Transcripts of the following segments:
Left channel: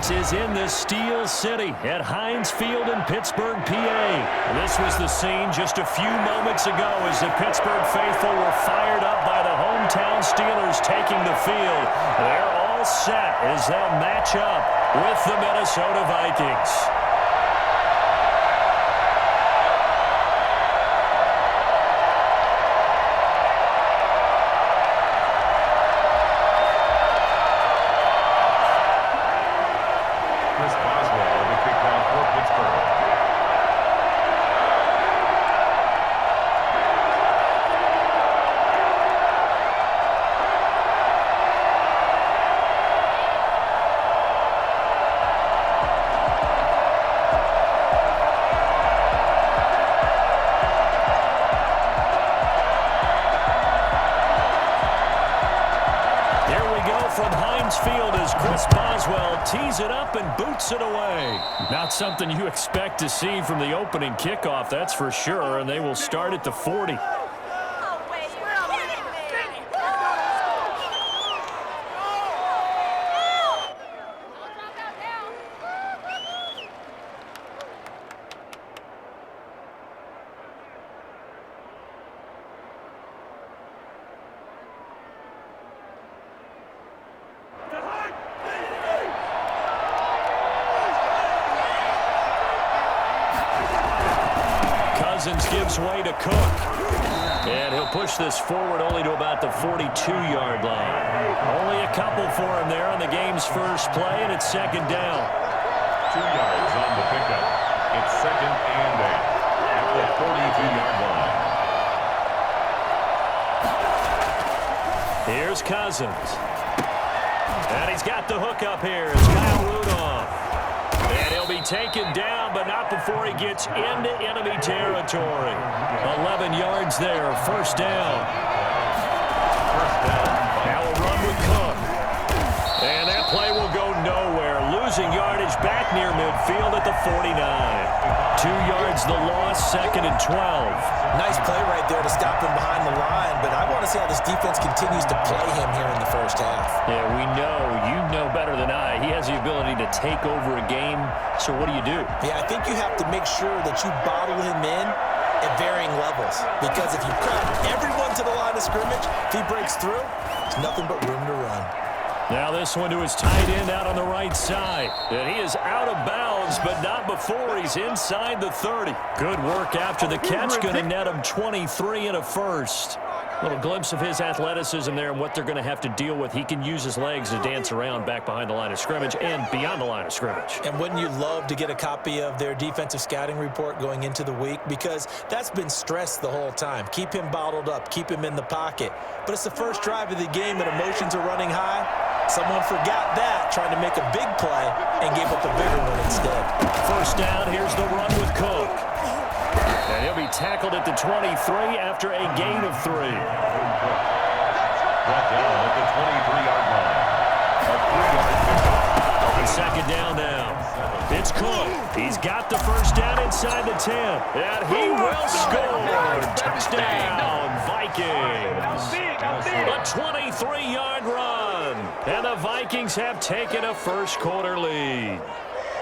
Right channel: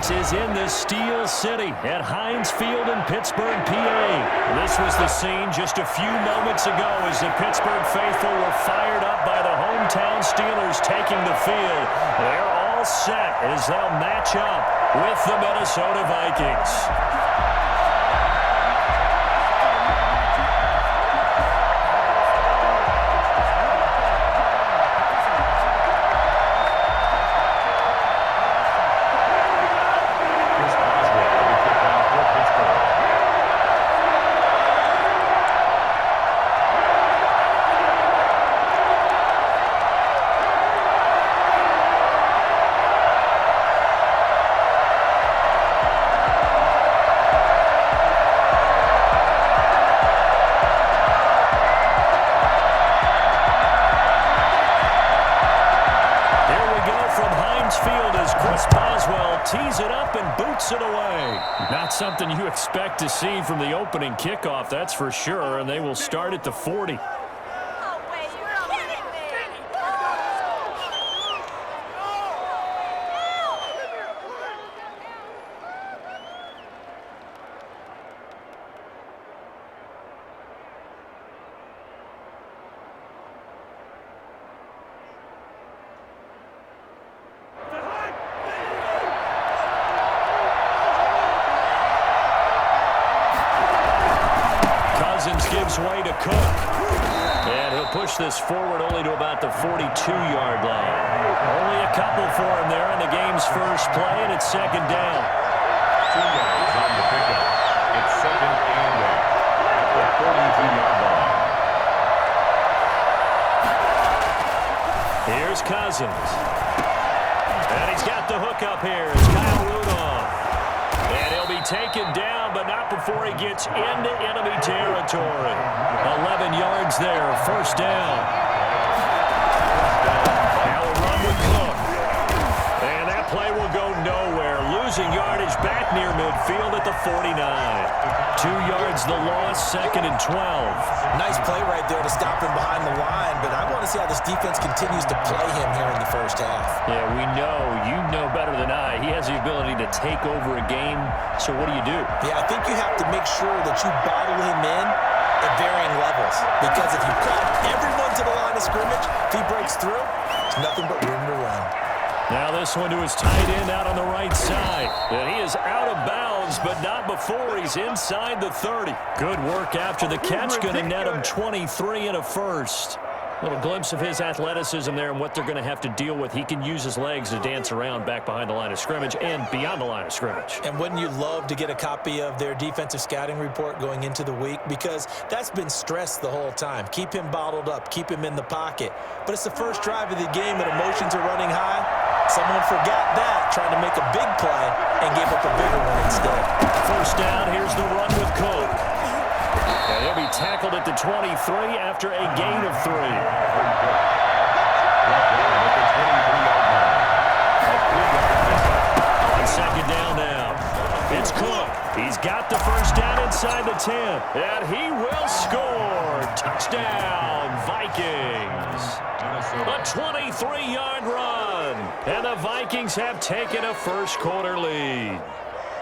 Sports is in the Steel City at Heinz Field in Pittsburgh, PA. This was the scene just a few moments ago as the Pittsburgh faithful were fired up by the hometown Steelers taking the field. They're all set as they'll match up with the Minnesota Vikings. Tees it up and boots it away. Not something you expect to see from the opening kickoff, that's for sure, and they will start at the 40. Gives way to Cook. And he'll push this forward only to about the 42-yard line. Only a couple for him there on the game's first play, and it's second down. 2 yards on the pickup. It's second and 8 at the 42-yard line. Here's Cousins. And he's got the hook up here. It's Kyle Rudolph. And he'll be taken down, but not before he gets into enemy territory. 11 yards there, first down. Now a run with Cook. And that play will go nowhere. Losing yardage back near midfield at the 49. 2 yards the loss, second and 12. Nice play right there to stop him behind the line, but I want to see how this defense continues to play him here in the first half. Yeah, we know. You know better than I. He has the ability to take over a game, so what do you do? Yeah, I think you have to make sure that you bottle him in at varying levels, because if you cut everyone to the line of scrimmage, if he breaks through, there's nothing but room to run. Now this one to his tight end out on the right side. And he is out of bounds, but not before he's inside the 30. Good work after the catch. Going to net him 23 and a first. Little glimpse of his athleticism there and what they're going to have to deal with. He can use his legs to dance around back behind the line of scrimmage and beyond the line of scrimmage. And wouldn't you love to get a copy of their defensive scouting report going into the week? Because that's been stressed the whole time. Keep him bottled up. Keep him in the pocket. But it's the first drive of the game and emotions are running high. Someone forgot that, trying to make a big play and gave up a bigger one instead. First down, here's the run with Cook. And he'll be tackled at the 23 after a gain of 3. Brought down at the 23-yard line. A 3-yard pickup. On second down now. It's Cook. He's got the first down inside the 10. And he will score. Touchdown, Vikings. A 23-yard run. And the Vikings have taken a first-quarter lead.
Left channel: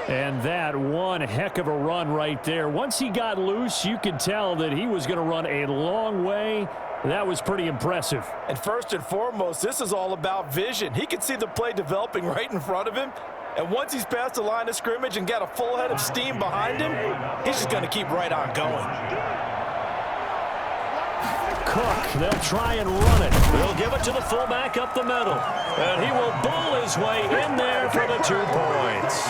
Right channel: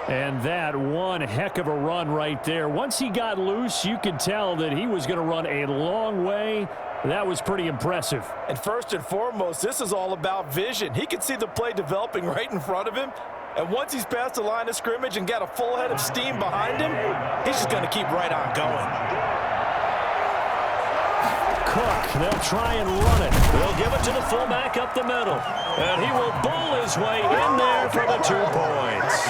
And that one heck of a run right there. Once he got loose, you could tell that he was going to run a long way. That was pretty impressive. And first and foremost, this is all about vision. He could see the play developing right in front of him. And once he's past the line of scrimmage and got a full head of steam behind him, he's just going to keep right on going. Cook, they'll try and run it. They'll give it to the fullback up the middle. And he will bull his way in there for the 2 points.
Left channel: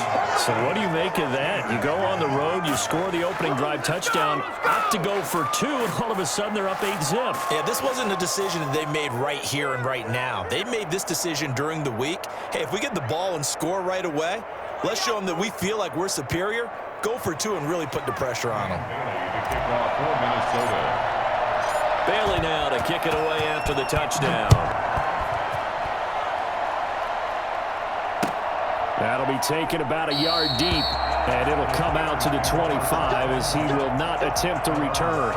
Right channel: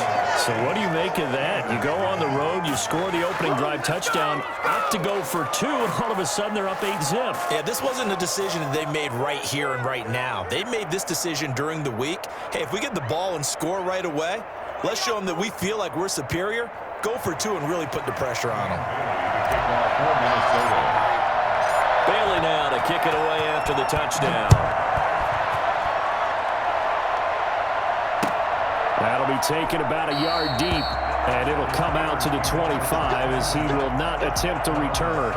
So what do you make of that? You go on the road, you score the opening drive touchdown, opt to go for 2, and all of a sudden they're up 8-zip. Yeah, this wasn't a decision that they made right here and right now. They made this decision during the week. Hey, if we get the ball and score right away, let's show them that we feel like we're superior. Go for 2 and really put the pressure on them. Bailey now to kick it away after the touchdown. That'll be taken about a yard deep, and it'll come out to the 25 as he will not attempt to return.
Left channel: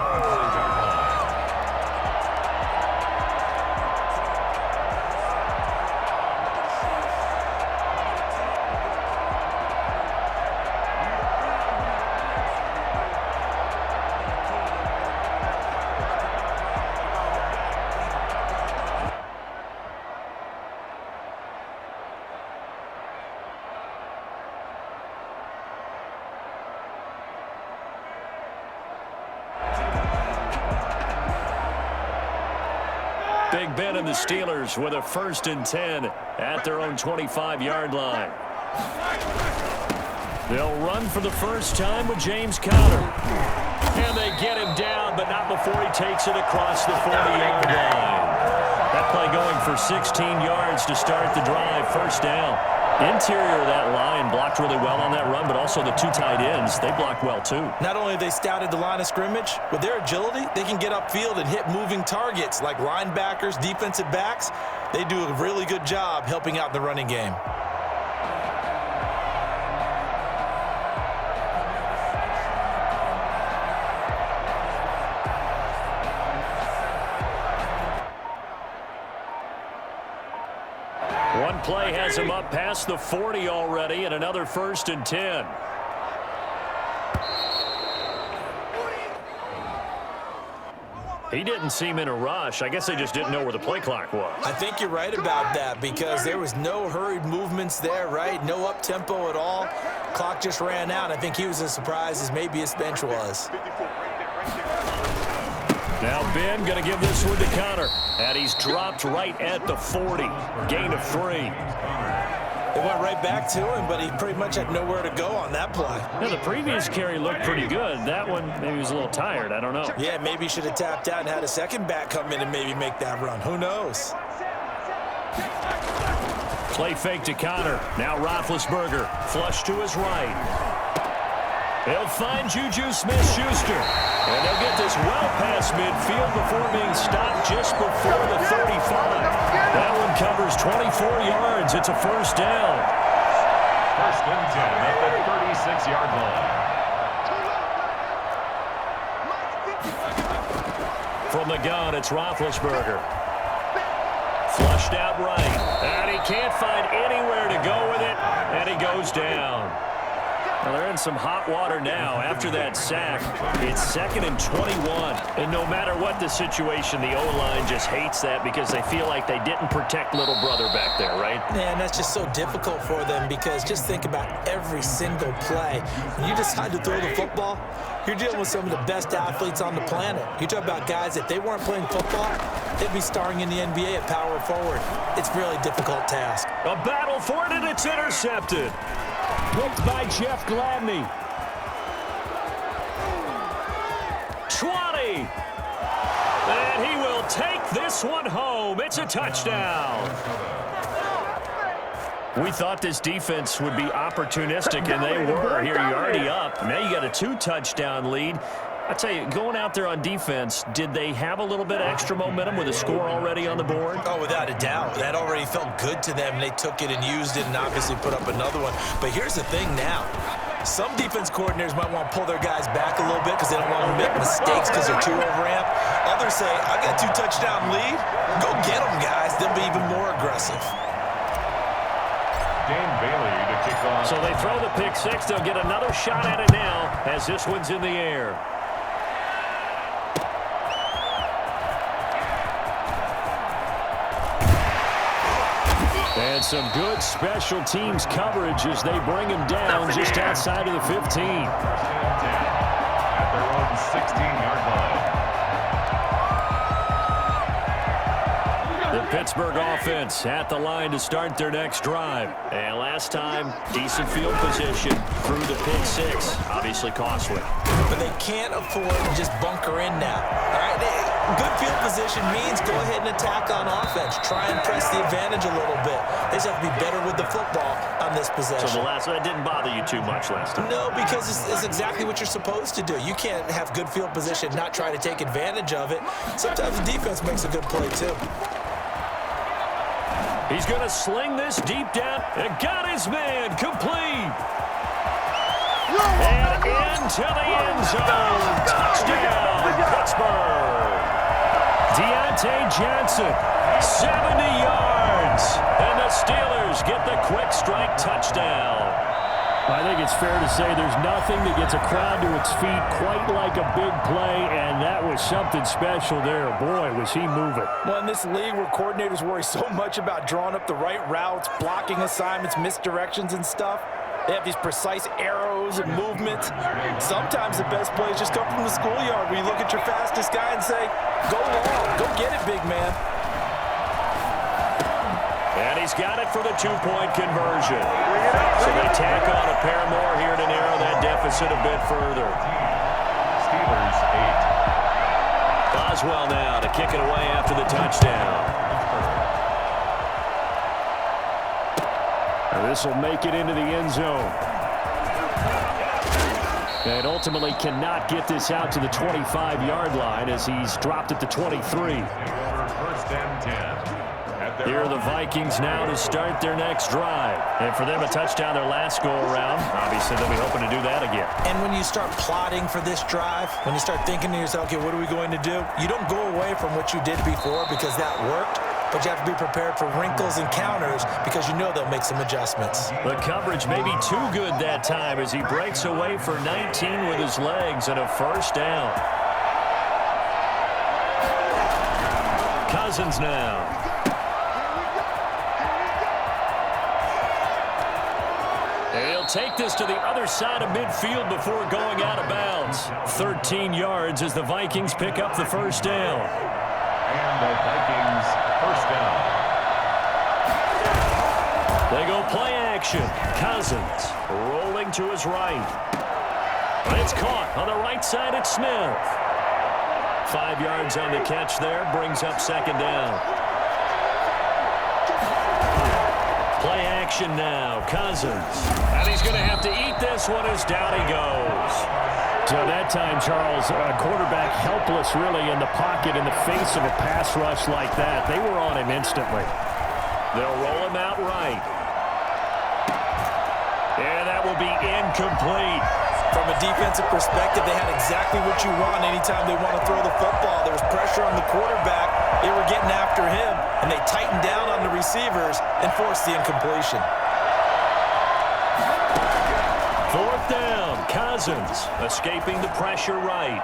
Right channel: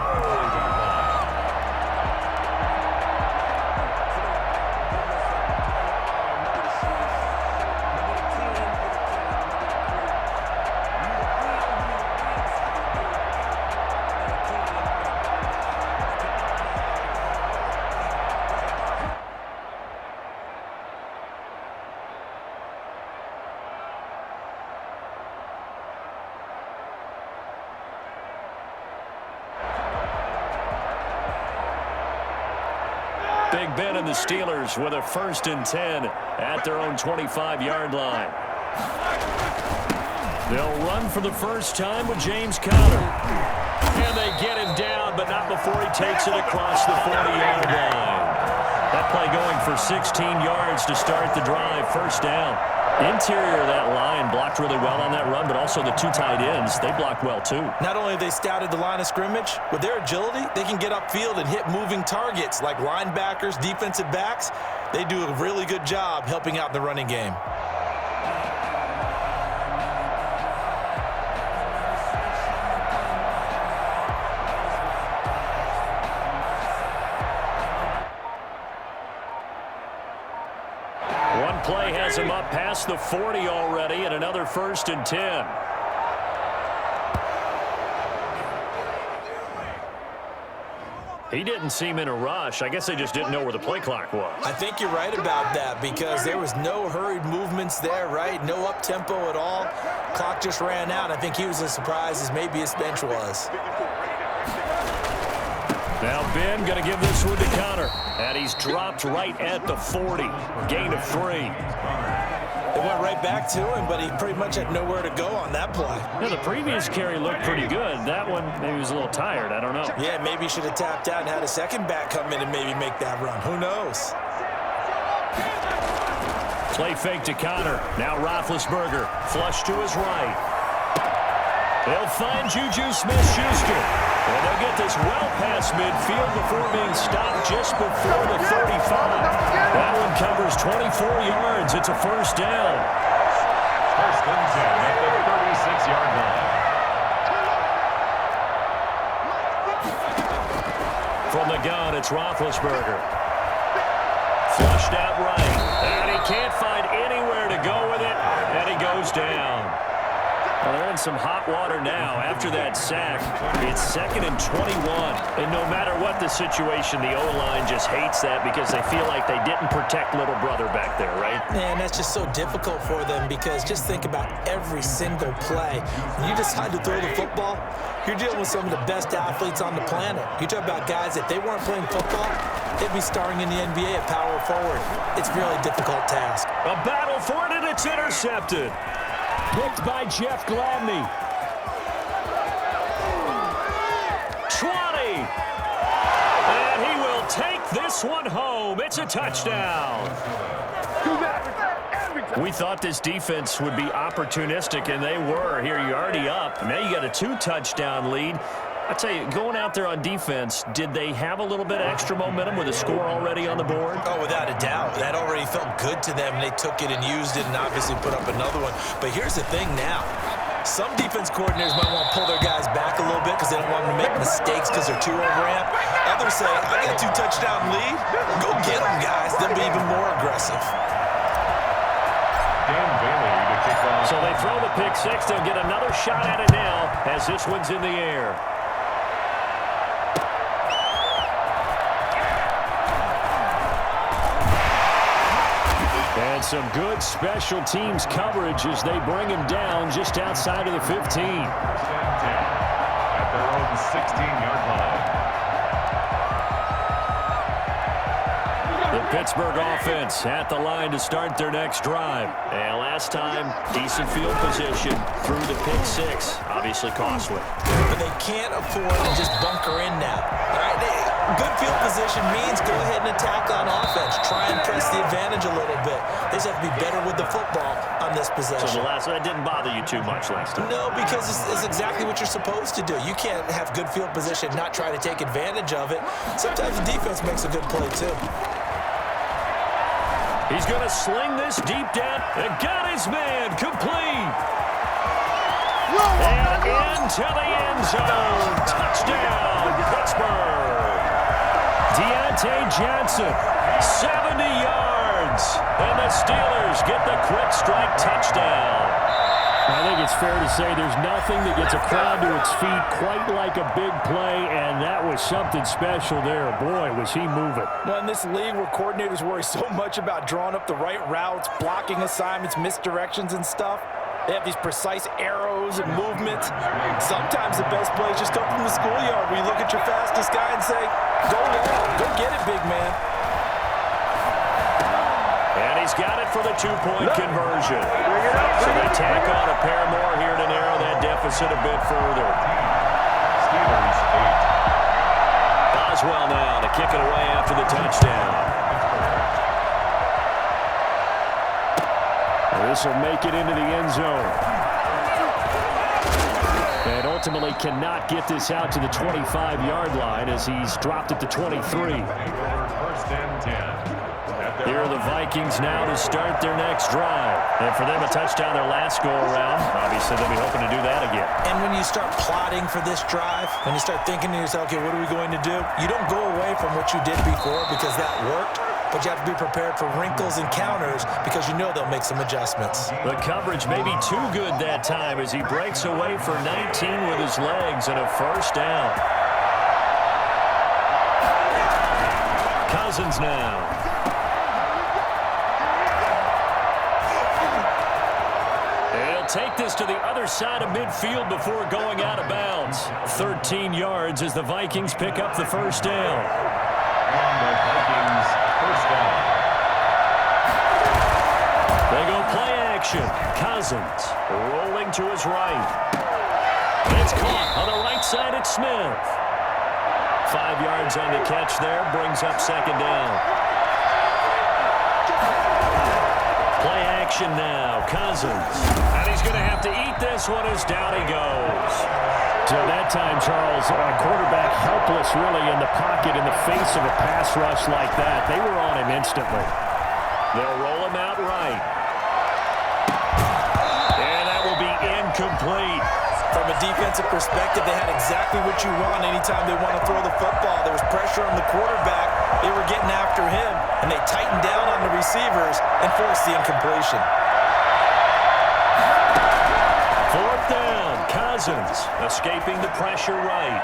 Big Ben and the Steelers with a 1st and 10 at their own 25-yard line. They'll run for the first time with James Conner. And they get him down, but not before he takes it across the 40-yard line. That play going for 16 yards to start the drive. 1st down. Interior of that line blocked really well on that run, but also the 2 tight ends, they blocked well too. Not only have they scouted the line of scrimmage, with their agility, they can get upfield and hit moving targets like linebackers, defensive backs. They do a really good job helping out in the running game. One play has him up past the 40 already, and another 1st and 10. He didn't seem in a rush. I guess they just didn't know where the play clock was. I think you're right about that because there was no hurried movements there, right? No up-tempo at all. Clock just ran out. I think he was as surprised as maybe his bench was. Now Ben going to give this one to Conner. And he's dropped right at the 40. Gain of 3. They went right back to him, but he pretty much had nowhere to go on that play. Yeah, the previous carry looked pretty good. That one, maybe he was a little tired. I don't know. Yeah, maybe he should have tapped out and had a second back come in and maybe make that run. Who knows? Play fake to Conner. Now Roethlisberger. Flush to his right. They'll find Juju Smith-Schuster. And they'll get this well past midfield before being stopped just before the 35. That one covers 24 yards. It's a 1st down. 1st and 10 at the 36-yard line. From the gun, it's Roethlisberger. Flushed out right. And he can't find anywhere to go with it. And he goes down. Well, they're in some hot water now. After that sack, it's 2nd and 21. And no matter what the situation, the O-line just hates that because they feel like they didn't protect little brother back there, right? Man, that's just so difficult for them because just think about every single play. When you decide to throw the football, you're dealing with some of the best athletes on the planet. You talk about guys, if they weren't playing football, they'd be starring in the NBA at power forward. It's a really difficult task. A battle for it, and it's intercepted. Picked by Jeff Gladney. 20. And he will take this one home. It's a touchdown. We thought this defense would be opportunistic, and they were. Here, you're already up. Now you got a 2-touchdown lead. I tell you, going out there on defense, did they have a little bit of extra momentum with a score already on the board? Oh, without a doubt. That already felt good to them. They took it and used it and obviously put up another one. But here's the thing now. Some defense coordinators might want to pull their guys back a little bit because they don't want them to make mistakes because they're too overamped. Others say, I got a 2-touchdown lead. Go get them, guys. They'll be even more aggressive. Dan Bailey to kick off. So they throw the pick 6. They'll get another shot at it now as this one's in the air. And some good special teams coverage as they bring him down just outside of the 15. 1st and 10 at their own 16-yard line. The Pittsburgh offense at the line to start their next drive. And last time, decent field position through the pick 6. Obviously costly. But they can't afford to just bunker in now. All right, good field position means go ahead and attack on offense. Try and press the advantage a little bit. They just have to be better with the football on this possession. So that didn't bother you too much last time? No, because it's exactly what you're supposed to do. You can't have good field position, not try to take advantage of it. Sometimes the defense makes a good play, too. He's going to sling this deep down and got his man complete. And into the end zone. Touchdown, Pittsburgh. Deontay Johnson, 70 yards. And the Steelers get the quick strike touchdown. I think it's fair to say there's nothing that gets a crowd to its feet quite like a big play, and that was something special there. Boy, was he moving. Well, in this league where coordinators worry so much about drawing up the right routes, blocking assignments, misdirections and stuff, they have these precise arrows and movements. Sometimes the best plays just come from the schoolyard where you look at your fastest guy and say, go long, go get it, big man. And he's got it for the two-point conversion. So they tack on a pair more here to narrow that deficit a bit further. Steelers 8. Boswell now to kick it away after the touchdown. This will make it into the end zone. And ultimately cannot get this out to the 25-yard line as he's dropped at the 23. First and 10. Here are the Vikings now to start their next drive. And for them, a touchdown their last go-around. Obviously, they'll be hoping to do that again. And when you start plotting for this drive, when you start thinking to yourself, okay, what are we going to do? You don't go away from what you did before because that worked, but you have to be prepared for wrinkles and counters because you know they'll make some adjustments. The coverage may be too good that time as he breaks away for 19 with his legs and a first down. Cousins now. He'll take this to the other side of midfield before going out of bounds. 13 yards as the Vikings pick up the first down. And the Vikings first down. They go play action. Cousins rolling to his right. It's caught on the right side at Smith. 5 yards on the catch there, brings up second down. Play action now, Cousins. And he's going to have to eat this one as down he goes. So that time, Charles, quarterback helpless really in the pocket in the face of a pass rush like that. They were on him instantly. They'll roll him out right. And that will be incomplete. From a defensive perspective, they had exactly what you want anytime they want to throw the football. There was pressure on the quarterback. They were getting after him, and they tightened down on the receivers and forced the incompletion. Fourth down, Cousins escaping the pressure right.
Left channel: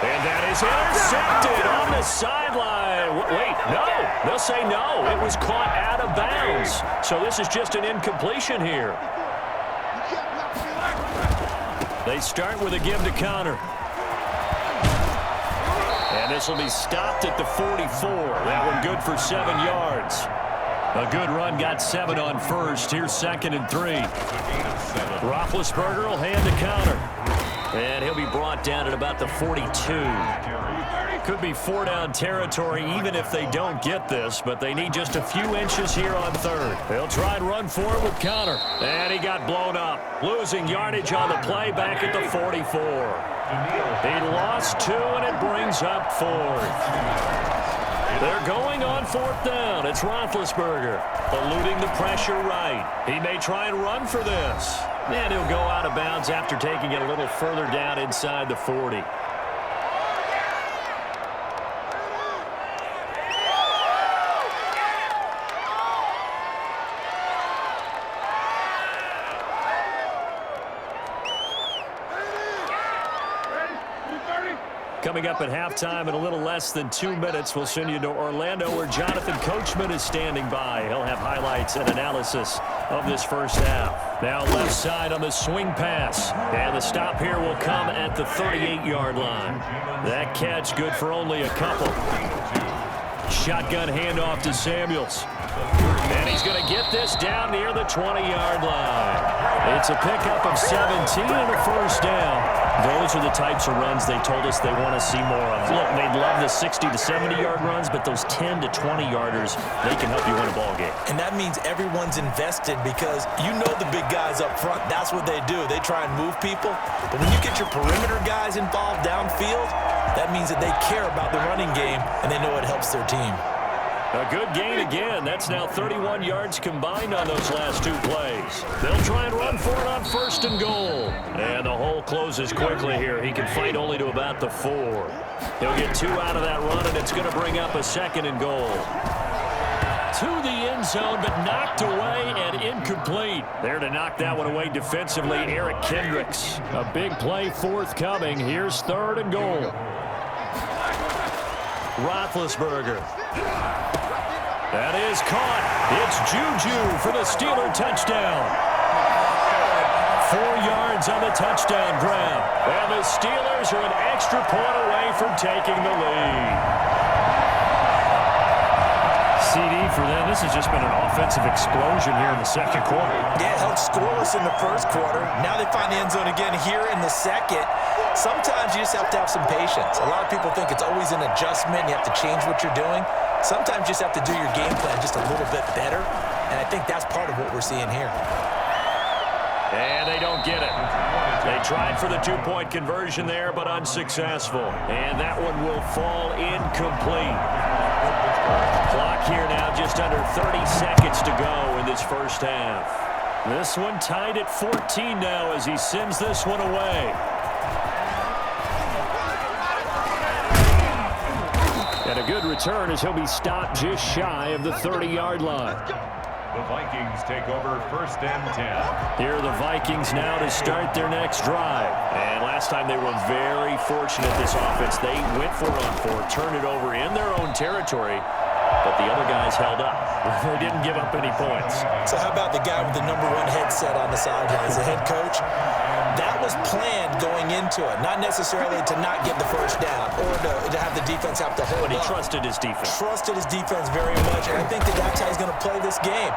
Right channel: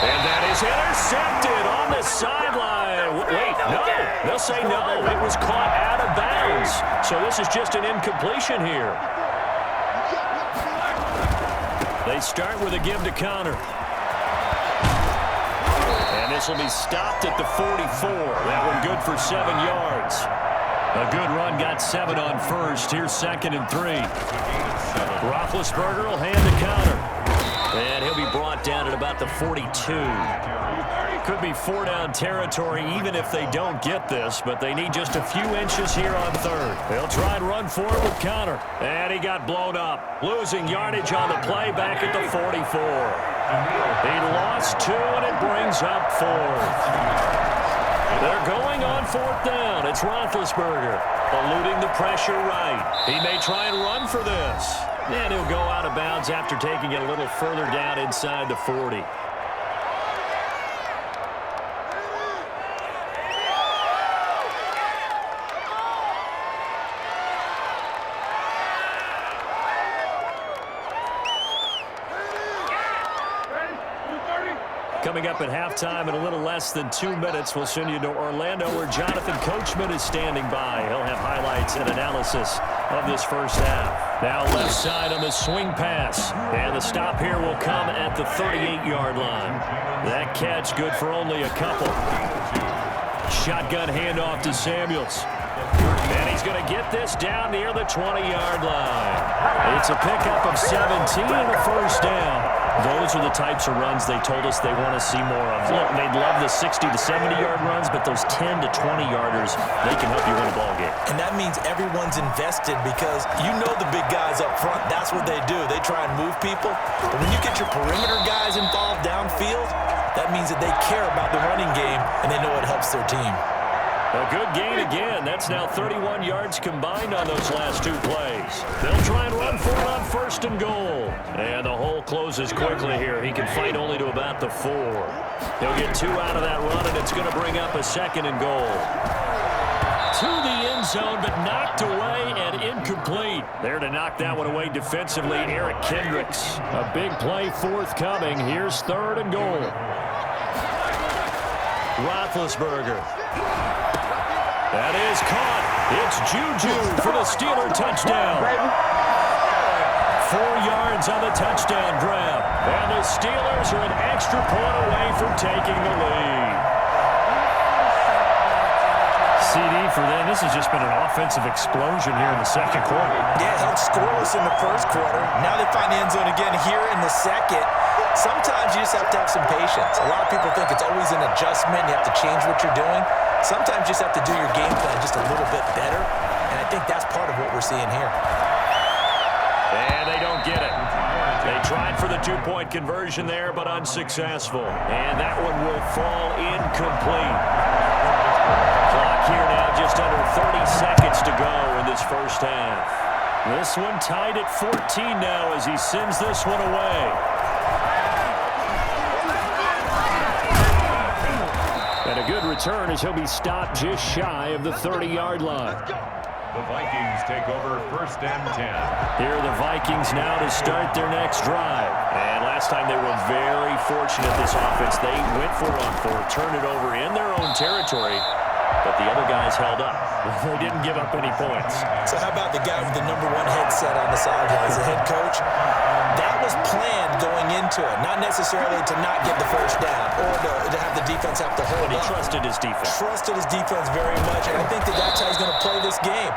And that is intercepted on the sideline. Wait, no. They'll say no. It was caught out of bounds. So this is just an incompletion here. They start with a give to Connor. And this will be stopped at the 44. That one good for 7 yards. A good run, got 7 on first. Here's second and 3. Roethlisberger will hand to Connor. And he'll be brought down at about the 42. Could be 4-down territory even if they don't get this, but they need just a few inches here on third. They'll try and run for it with Connor. And he got blown up. Losing yardage on the play back at the 44. He lost 2, and it brings up 4th. They're going on 4th down. It's Roethlisberger eluding the pressure right. He may try and run for this. And he'll go out of bounds after taking it a little further down inside the 40. Coming up at halftime in a little less than 2 minutes, we'll send you to Orlando where Jonathan Coachman is standing by. He'll have highlights and analysis of this first half. Now left side on the swing pass. And the stop here will come at the 38-yard line. That catch good for only a couple. Shotgun handoff to Samuels. And he's going to get this down near the 20-yard line. It's a pickup of 17 and a first down. Those are the types of runs they told us they want to see more of. Look, they'd love the 60 to 70-yard runs, but those 10 to 20-yarders, they can help you win a ball game. And that means everyone's invested because you know the big guys up front. That's what they do. They try and move people. But when you get your perimeter guys involved downfield, that means that they care about the running game and they know it helps their team. A good gain again. That's now 31 yards combined on those last 2 plays. They'll try and run for it on 1st and goal. And the hole closes quickly here. He can fight only to about the 4. He'll get 2 out of that run, and it's going to bring up a 2nd and goal. To the end zone, but knocked away and incomplete. There to knock that one away defensively, Eric Kendricks. A big play forthcoming. Here's 3rd and goal. Roethlisberger. That is caught. It's Juju for the Steeler touchdown. 4 yards on the touchdown grab. And the Steelers are an extra point away from taking the lead. CD for them. This has just been an offensive explosion here in the second quarter. Yeah, held scoreless in the first quarter. Now they find the end zone again here in the second. Sometimes you just have to have some patience. A lot of people think it's always an adjustment. You have to change what you're doing. Sometimes you just have to do your game plan just a little bit better, and I think that's part of what we're seeing here. And they don't get it. They tried for the two-point conversion there, but unsuccessful. And that one will fall incomplete. Clock here now just under 30 seconds to go in this first half. This one tied at 14 now as he sends this one away. And a good return as he'll be stopped just shy of the 30-yard line. The Vikings take over 1st and 10. Here are the Vikings now to start their next drive. And last time they were very fortunate, this offense. They went for it on 4, turned it over in their own territory, but the other guys held up. They didn't give up any points. So how about the guy with the #1 headset on the sidelines, the head coach? That was planned going into it, not necessarily to not get the first down or to have the defense have to hold But he up. trusted his defense. Trusted his defense very much, and I think that's how he's going to play this game.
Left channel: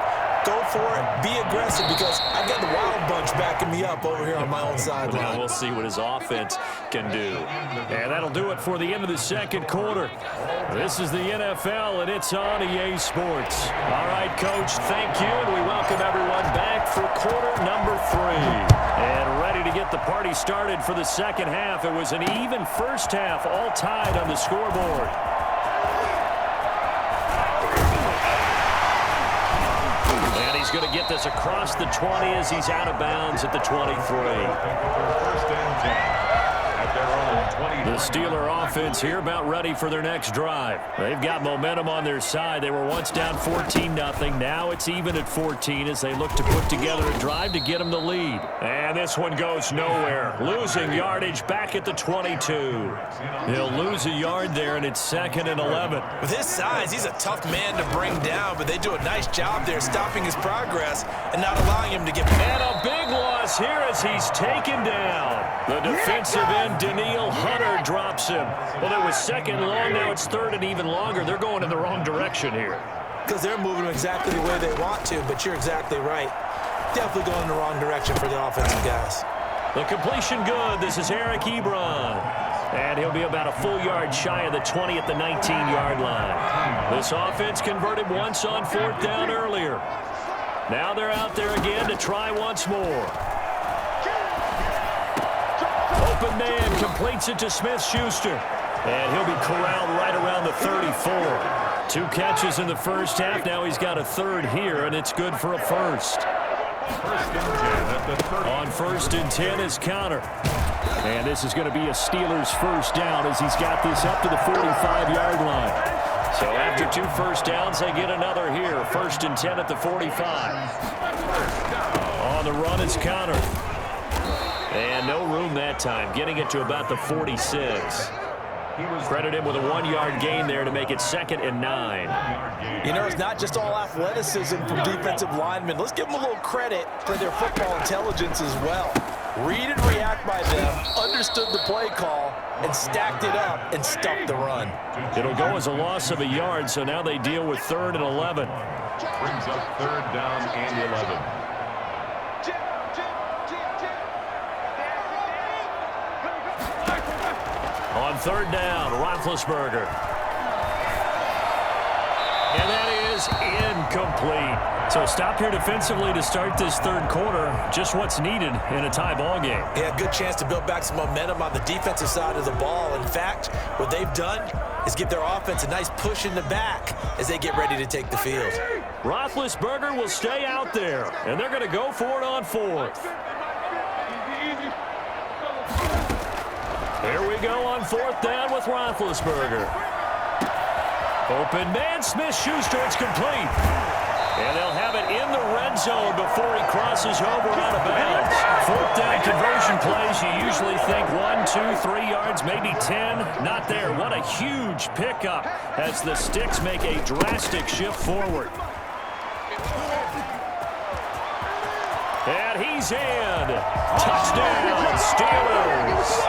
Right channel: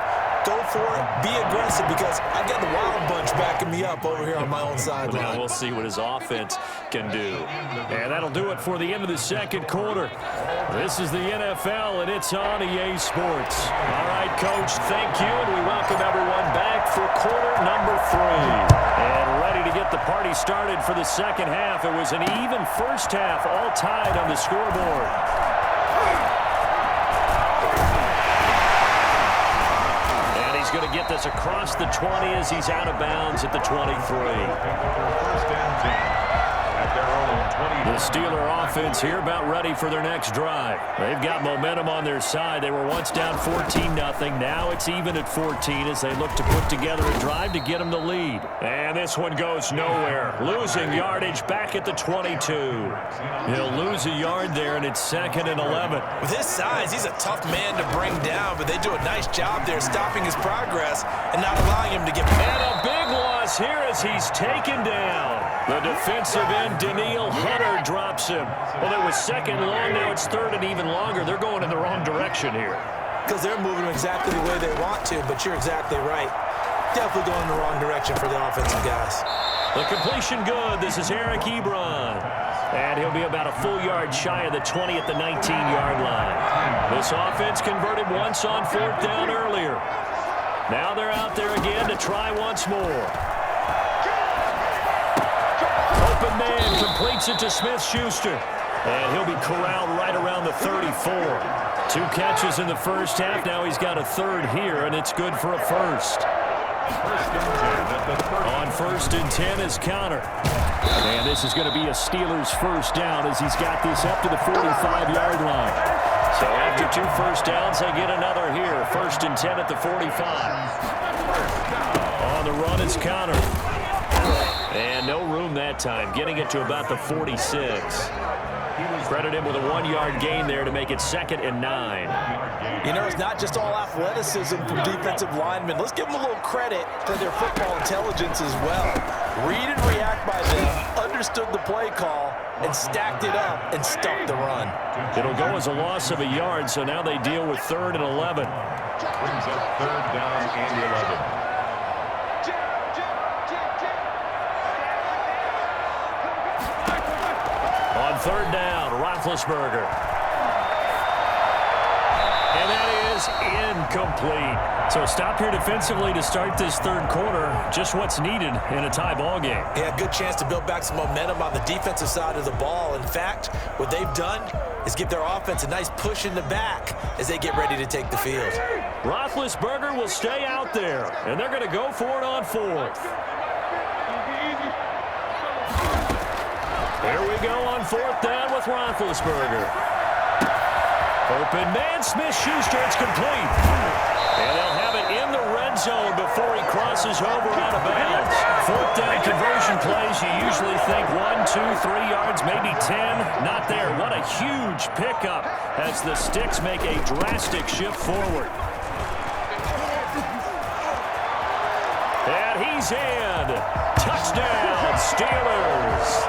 Go for it, be aggressive, because I've got the wild bunch backing me up over here on my own sideline. Now we'll see what his offense can do. And that'll do it for the end of the second quarter. This is the NFL, and it's on EA Sports. All right, Coach, thank you, and we welcome everyone back for quarter number 3. And ready to get the party started for the second half. It was an even first half, all tied on the scoreboard. He's going to get this across the 20 as he's out of bounds at the 23. 1st and 10 at their own 20. The Steeler offense here about ready for their next drive. They've got momentum on their side. They were once down 14-0. Now it's even at 14 as they look to put together a drive to get them the lead. And this one goes nowhere. Losing yardage back at the 22. He'll lose a yard there, and it's 2nd and 11. With his size, he's a tough man to bring down, but they do a nice job there stopping his progress and not allowing him to get... And a big loss here as he's taken down. The defensive end, Daniil Hunter, drops him. Well, it was 2nd and long. Now it's 3rd and even longer. They're going in the wrong direction here. Because they're moving exactly the way they want to, but you're exactly right. Definitely going in the wrong direction for the offensive guys. The completion good. This is Eric Ebron. And he'll be about a full yard shy of the 20 at the 19-yard line. This offense converted once on 4th down earlier. Now they're out there again to try once more. Open man completes it to Smith-Schuster. And he'll be corralled right around the 34. 2 catches in the first half. Now he's got a 3rd here, and it's good for a 1st. 1st and 10 at the 30. On 1st and 10 is Connor. And this is going to be a Steelers first down as he's got this up to the 45-yard line. So after 2 first downs, they get another here. 1st and 10 at the 45. On the run is Connor. And no room that time, getting it to about the 46. Credit him with a 1-yard gain there to make it 2nd and 9. You know, it's not just all athleticism from defensive linemen. Let's give them a little credit for their football intelligence as well. Read and react by them, understood the play call, and stacked it up and stuffed the run. It'll go as a loss of a yard, so now they deal with 3rd and 11. Brings up 3rd down and 11. On 3rd down, Roethlisberger. And that is incomplete. So stop here defensively to start this 3rd quarter. Just what's needed in a tie ball game. Yeah, good chance to build back some momentum on the defensive side of the ball. In fact, what they've done is give their offense a nice push in the back as they get ready to take the field. Roethlisberger will stay out there, and they're going to go for it on 4th. Here we go on 4th down with Roethlisberger. Open man, Smith-Schuster, it's complete. And they'll have it in the red zone before he crosses over out of bounds. 4th down conversion plays, you usually think 1, 2, 3 yards, maybe 10. Not there. What a huge pickup as the Sticks make a drastic shift forward. And he's in. Touchdown, Steelers.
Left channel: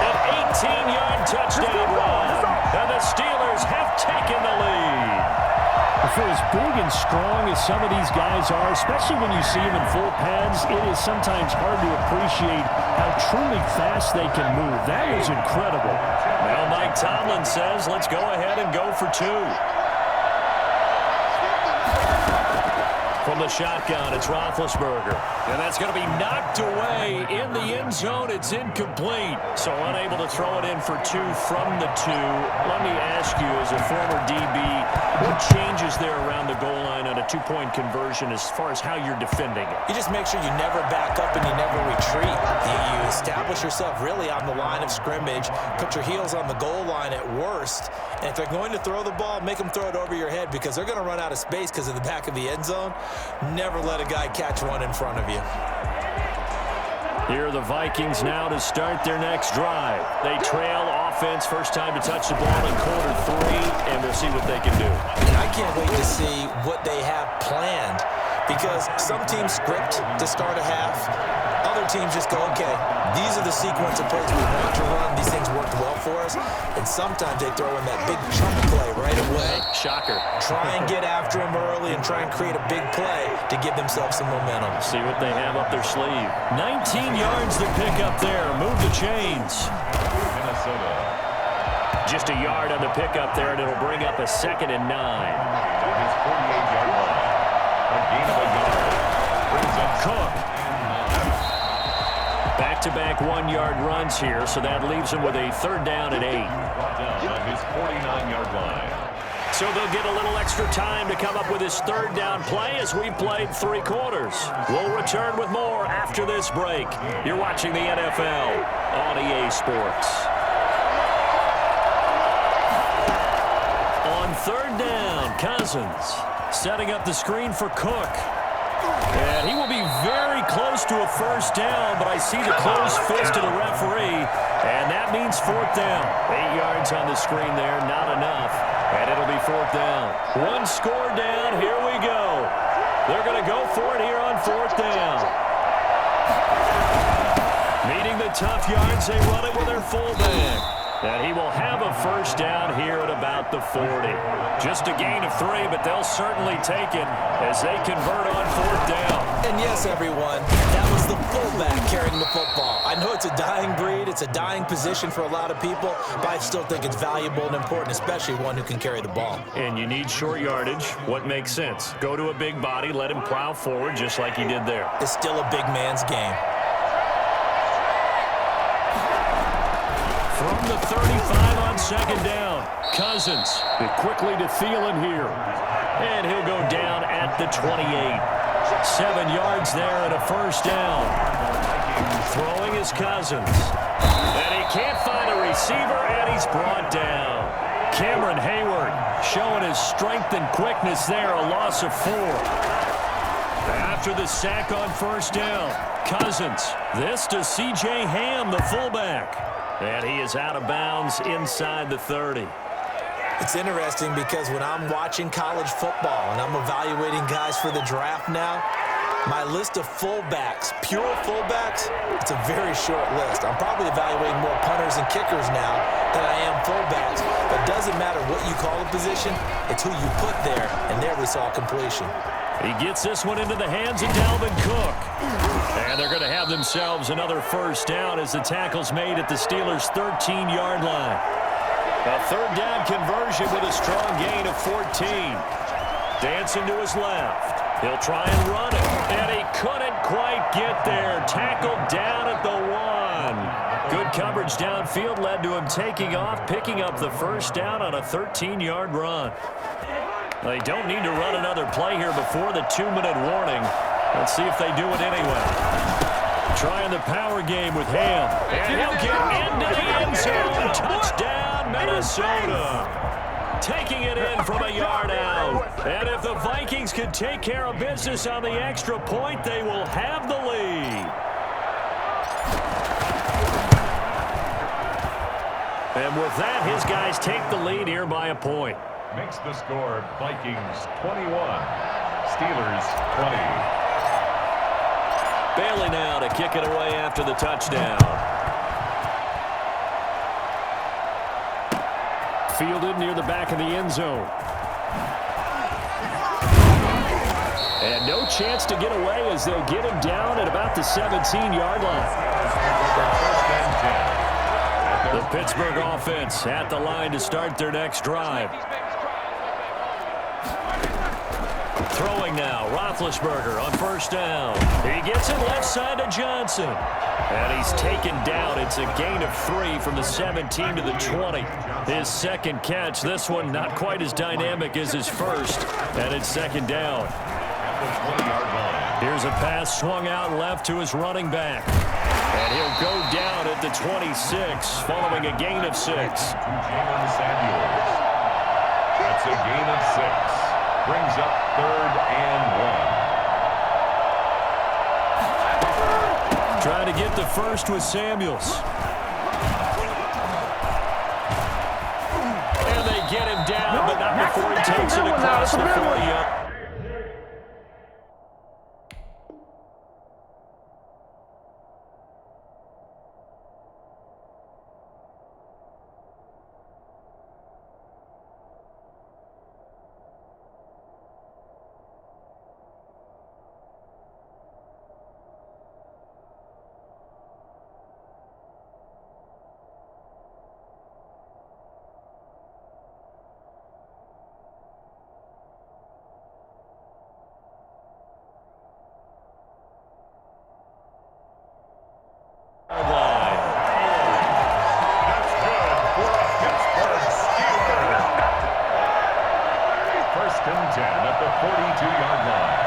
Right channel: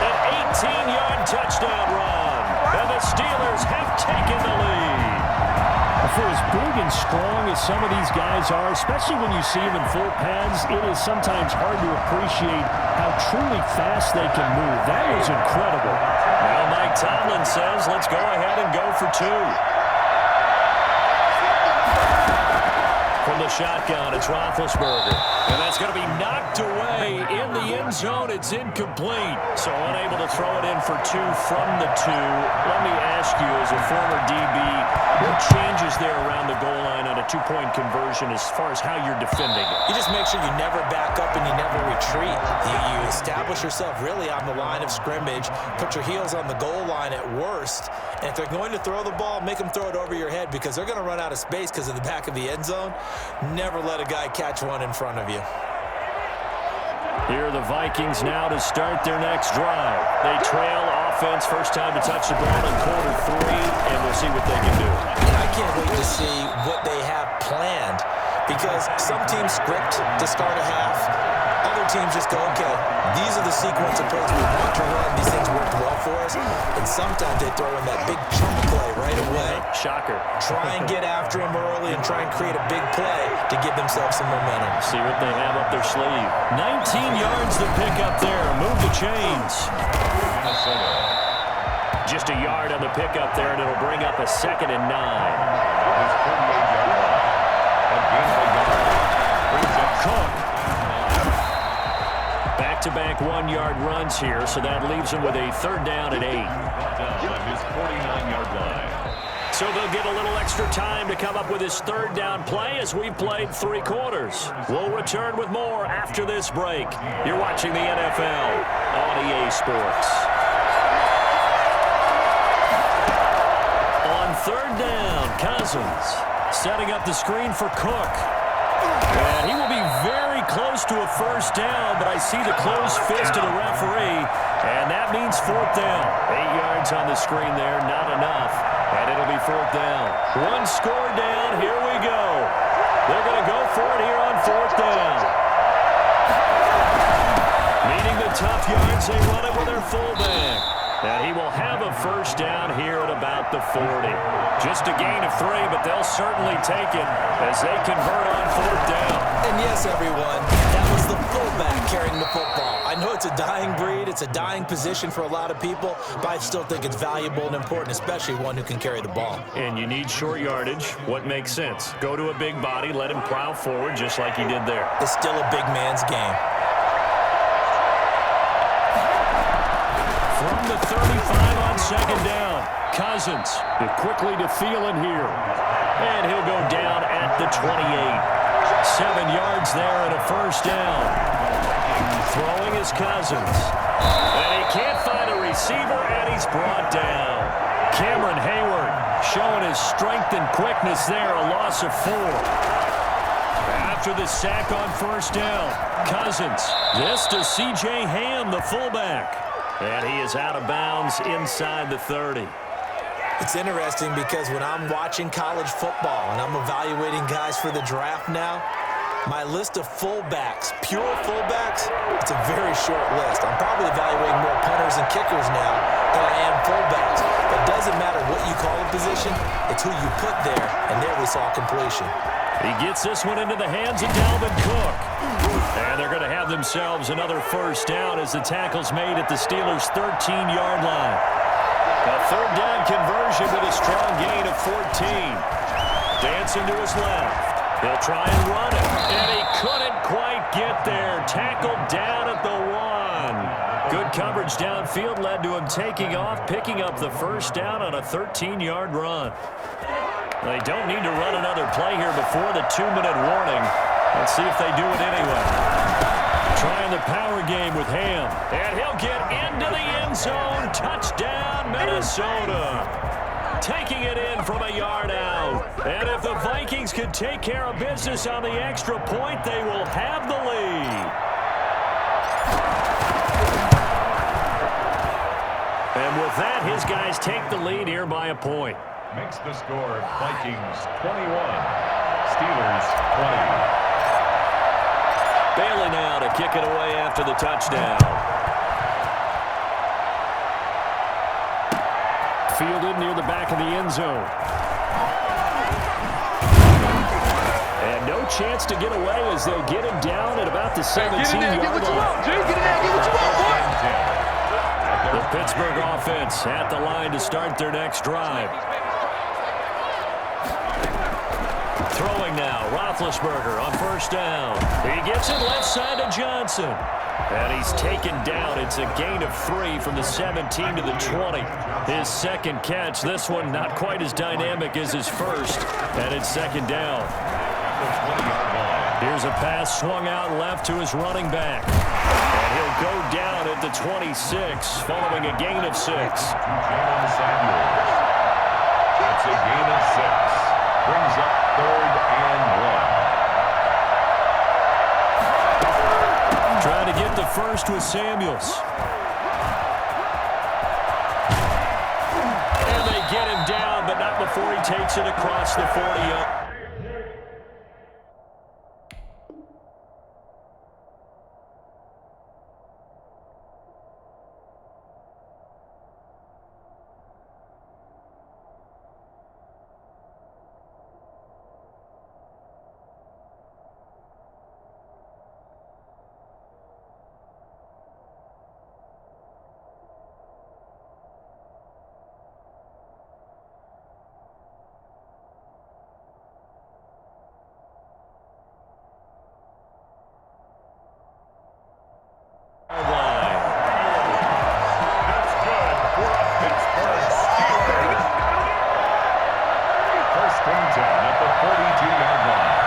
An 18-yard touchdown run. And the Steelers have taken the lead. For as big and strong as some of these guys are, especially when you see them in full pads, it is sometimes hard to appreciate how truly fast they can move. That was incredible. Now Mike Tomlin says, let's go ahead and go for two. From the shotgun, it's Roethlisberger. And that's going to be knocked away in the end zone. It's incomplete. So unable to throw it in for two from the two. Let me ask you, as a former DB, what changes there around the goal line on a two-point conversion as far as how you're defending it? You just make sure you never back up and you never retreat. You establish yourself really on the line of scrimmage, put your heels on the goal line at worst, and if they're going to throw the ball, make them throw it over your head because they're going to run out of space because of the back of the end zone. Never let a guy catch one in front of you. Here are the Vikings now to start their next drive. They trail offense, first time to touch the ball in quarter three, and we'll see what they can do. And I can't wait to see what they have planned because some teams script to start a half. Other teams just go, okay, these are the sequence of plays we want to run. These things worked well for us. And sometimes they throw in that big chunk play right away. Shocker. Try and get after them early and try and create a big play to give themselves some momentum. See what they have up their sleeve. 19 yards to pick up there. Move the chains. Minnesota. Just a yard on the pickup there, and it'll bring up a 2nd and 9. On his 48-yard line. A gain of a yard. Brings up Cook. Back-to-back 1-yard runs here, so that leaves him with a 3rd down and 8. Down on his 49-yard line. So they'll get a little extra time to come up with his 3rd down play as we've played 3 quarters. We'll return with more after this break. You're watching the NFL on EA Sports. On 3rd down, Cousins setting up the screen for Cook. And he will be very close to a 1st down, but I see the closed fist of the referee, and that means 4th down. 8 yards on the screen there, not enough, and it'll be 4th down. 1 score down, here we go. They're going to go for it here on 4th down. Meeting the tough yards, they run it with their fullback. And he will have a 1st down here at about the 40. Just a gain of 3, but they'll certainly take it as they convert on 4th down. And yes, everyone, that was the fullback carrying the football. I know it's a dying breed, it's a dying position for a lot of people, but I still think it's valuable and important, especially one who can carry the ball. And you need short yardage. What makes sense? Go to a big body, let him plow forward just like he did there. It's still a big man's game. From the 35 on 2nd down, Cousins quickly to Thielen here. And he'll go down at the 28. 7 yards there and a 1st down. Throwing is Cousins. And he can't find a receiver, and he's brought down. Cameron Hayward showing his strength and quickness there, a loss of 4. After the sack on 1st down, Cousins. This to C.J. Ham, the fullback. And he is out of bounds inside the 30. It's interesting because when I'm watching college football and I'm evaluating guys for the draft now, my list of fullbacks, pure fullbacks, it's a very short list. I'm probably evaluating more punters and kickers now than I am fullbacks. But it doesn't matter what you call a position, it's who you put there, and there we saw completion. He gets this one into the hands of Dalvin Cook. And they're going to have themselves another 1st down as the tackle's made at the Steelers' 13-yard line. A 3rd down conversion with a strong gain of 14. Dancing to his left. He'll try and run it. And he couldn't quite get there. Tackled down at the 1. Good coverage downfield led to him taking off, picking up the 1st down on a 13-yard run. They don't need to run another play here before the 2-minute warning. Let's see if they do it anyway. Trying the power game with Ham. And he'll get into the end zone. Touchdown, Minnesota. Taking it in from a yard out. And if the Vikings can take care of business on the extra point, they will have the lead. And with that, his guys take the lead here by a point. Makes the score Vikings 21, Steelers 20. Bailey now to kick it away after the touchdown. Fielded near the back of the end zone. And no chance to get away as they'll get him down at about the 17-yard line. The Pittsburgh offense at the line to start their next drive. Throwing now, Roethlisberger on first down. He gets it left side to Johnson. And he's taken down. It's a gain of 3 from the 17 to the 20. His second catch, this one not quite as dynamic as his first. And it's second down. Here's a pass swung out left to his running back. And he'll go down at the 26 following a gain of 6. That's a gain of 6. Brings up 3rd and 1. Trying to get the first with Samuels. And they get him down, but not before he takes it across the 40. That's good for a Pittsburgh Steeler. 1st and 10 at the 42-yard line.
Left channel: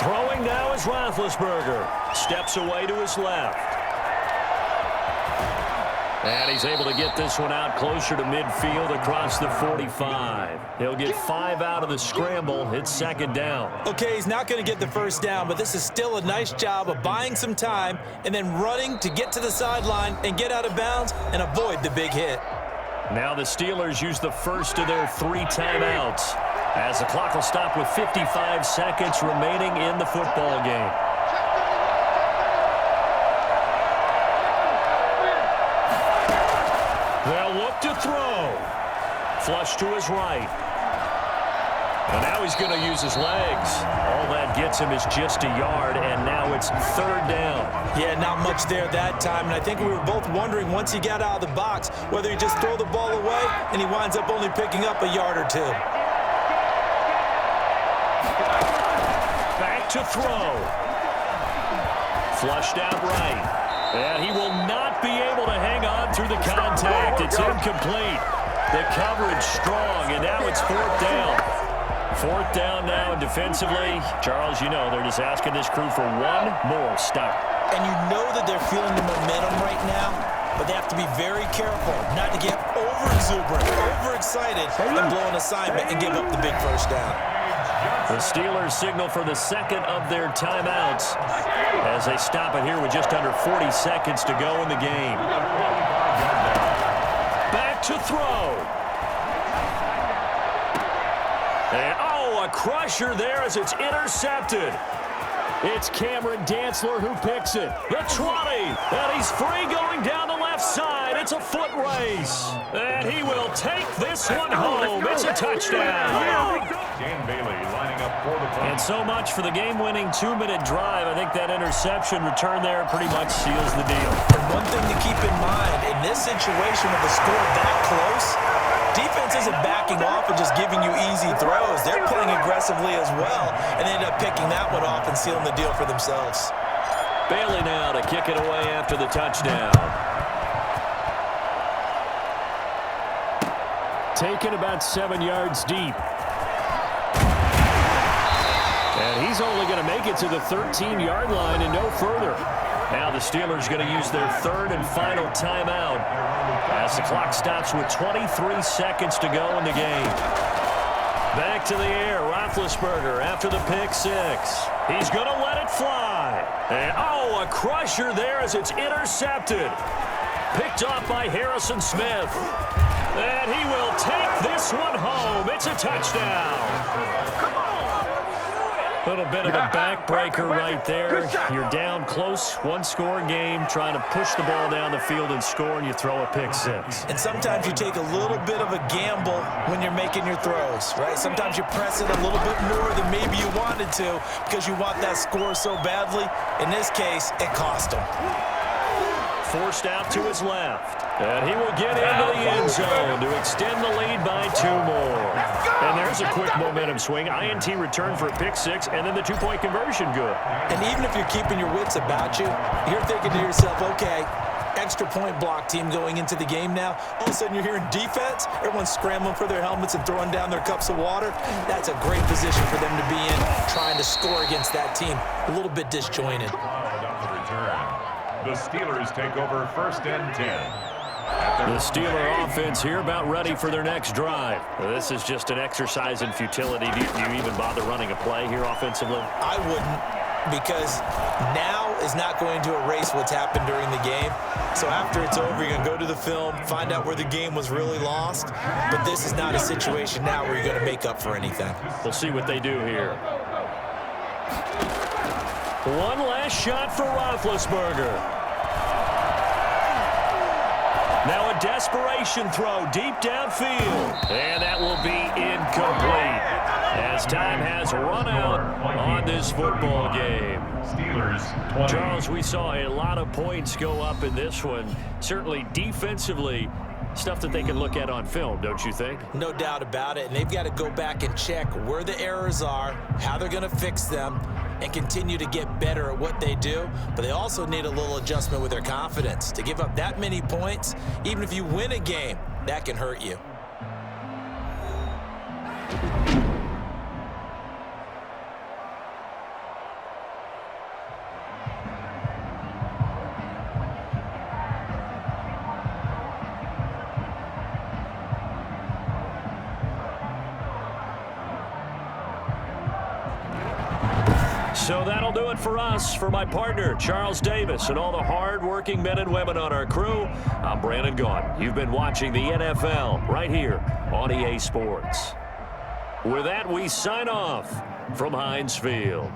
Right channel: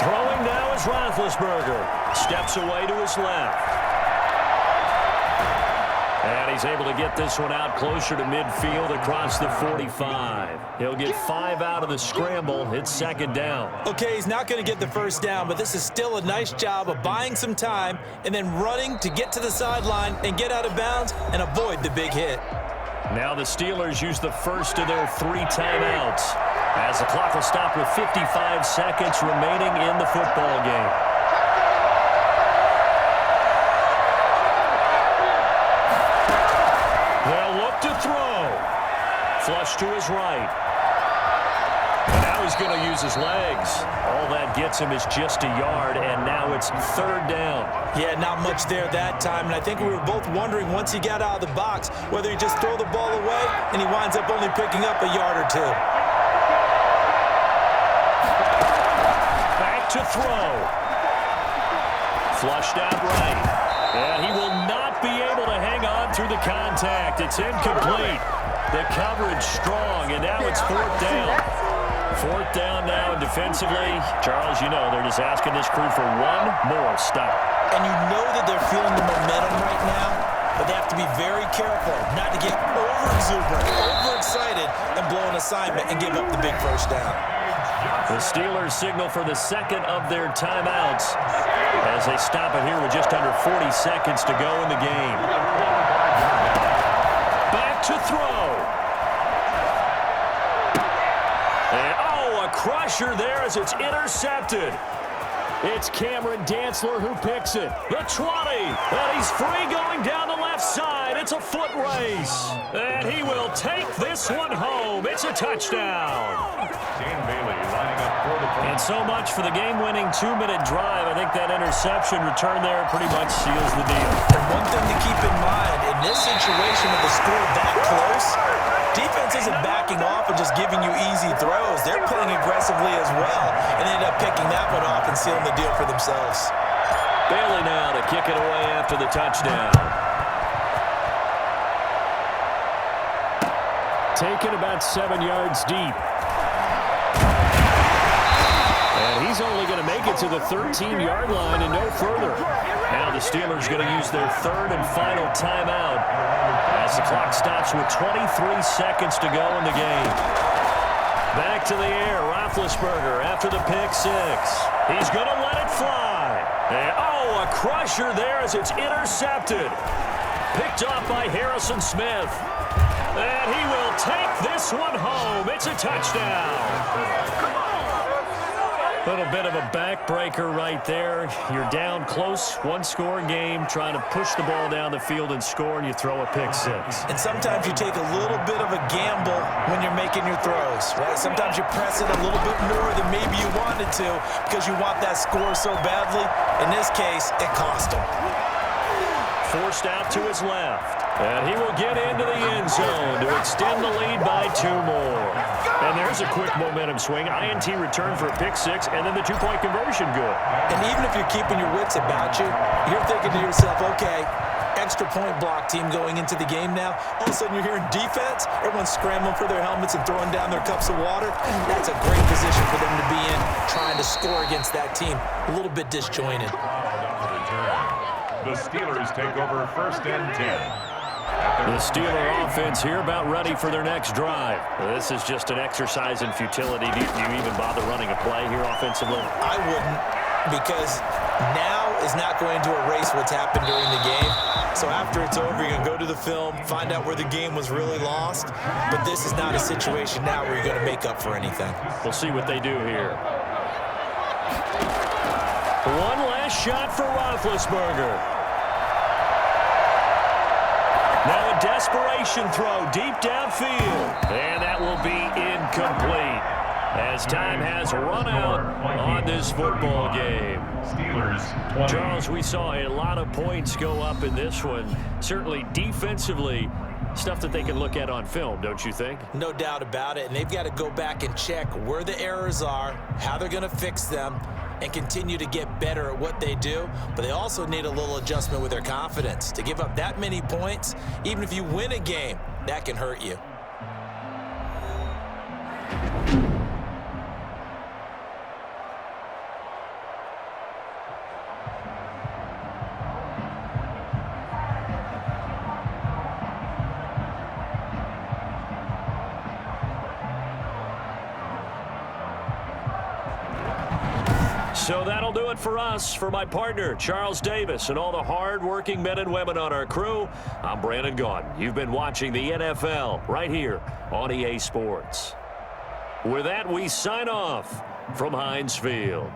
Throwing now is Roethlisberger. Steps away to his left. And he's able to get this one out closer to midfield across the 45. He'll get 5 out of the scramble. It's second down. Okay, he's not going to get the first down, but this is still a nice job of buying some time and then running to get to the sideline and get out of bounds and avoid the big hit. Now the Steelers use the first of their 3 timeouts as the clock will stop with 55 seconds remaining in the football game. They'll look to throw. Flush to his right. And now he's going to use his legs. All that gets him is just a yard, and now it's 3rd down. Yeah, not much there that time, and I think we were both wondering once he got out of the box whether he just throw the ball away, and he winds up only picking up a yard or 2. Back to throw. Flushed out right. And he will not be able to hang on through the contact. It's incomplete. The coverage strong, and now it's 4th down. 4th down now, and defensively, Charles, you know, they're just asking this crew for one more stop. And you know that they're feeling the momentum right now, but they have to be very careful not to get over-exuberant, overexcited, and blow an assignment and give up the big first down. The Steelers signal for the second of their timeouts as they stop it here with just under 40 seconds to go in the game. Back to throw. And, a crusher there as it's intercepted. It's Cameron Dantzler who picks it. The 20, and he's free going down the left side. It's a foot race, and he will take this one home. It's a touchdown. Dan Bailey lining up for the point. And so much for the game-winning 2-minute drive. I think that interception return there pretty much seals the deal. And one thing to keep in mind, in this situation with the score that close, defense isn't backing off and just giving you easy throws. They're playing aggressively as well, and they end up picking that one off and sealing the deal for themselves. Bailey now to kick it away after the touchdown. Taken about 7 yards deep. And he's only going to make it to the 13-yard line and no further. Now the Steelers going to use their 3rd and final timeout as the clock stops with 23 seconds to go in the game. Back to the air, Roethlisberger after the pick 6. He's going to let it fly. And, a crusher there as it's intercepted. Picked off by Harrison Smith. And he will take this one home. It's a touchdown. Little bit of a backbreaker right there. You're down close, one-score game, trying to push the ball down the field and score, and you throw a pick six. And sometimes you take a little bit of a gamble when you're making your throws, right? Sometimes you press it a little bit more than maybe you wanted to because you want that score so badly. In this case, it cost him. Forced out to his left. And he will get into the end zone to extend the lead by 2 more. And there's a quick momentum swing. INT return for a pick six, and then the 2-point conversion good. And even if you're keeping your wits about you, you're thinking to yourself, okay, extra point block team going into the game now. All of a sudden you're hearing defense. Everyone's scrambling for their helmets and throwing down their cups of water. That's a great position for them to be in, trying to score against that team. A little bit disjointed. The Steelers take over 1st and 10. The Steeler offense here about ready for their next drive. This is just an exercise in futility. Do you even bother running a play here offensively? I wouldn't, because now is not going to erase what's happened during the game. So after it's over, you're going to go to the film, find out where the game was really lost. But this is not a situation now where you're going to make up for anything. We'll see what they do here. One last shot for Roethlisberger. Now a desperation throw deep downfield. And that will be incomplete as time has run out on this football game. Steelers 20. Charles, we saw a lot of points go up in this one. Certainly defensively, stuff that they can look at on film, don't you think? No doubt about it. And they've got to go back and check where the errors are, how they're going to fix them, and continue to get better at what they do. But they also need a little adjustment with their confidence. To give up that many points, even if you win a game, that can hurt you. So that'll do it for us. For my partner, Charles Davis, and all the hard-working men and women on our crew, I'm Brandon Gaudin. You've been watching the NFL right here on EA Sports. With that, we sign off from Heinz Field.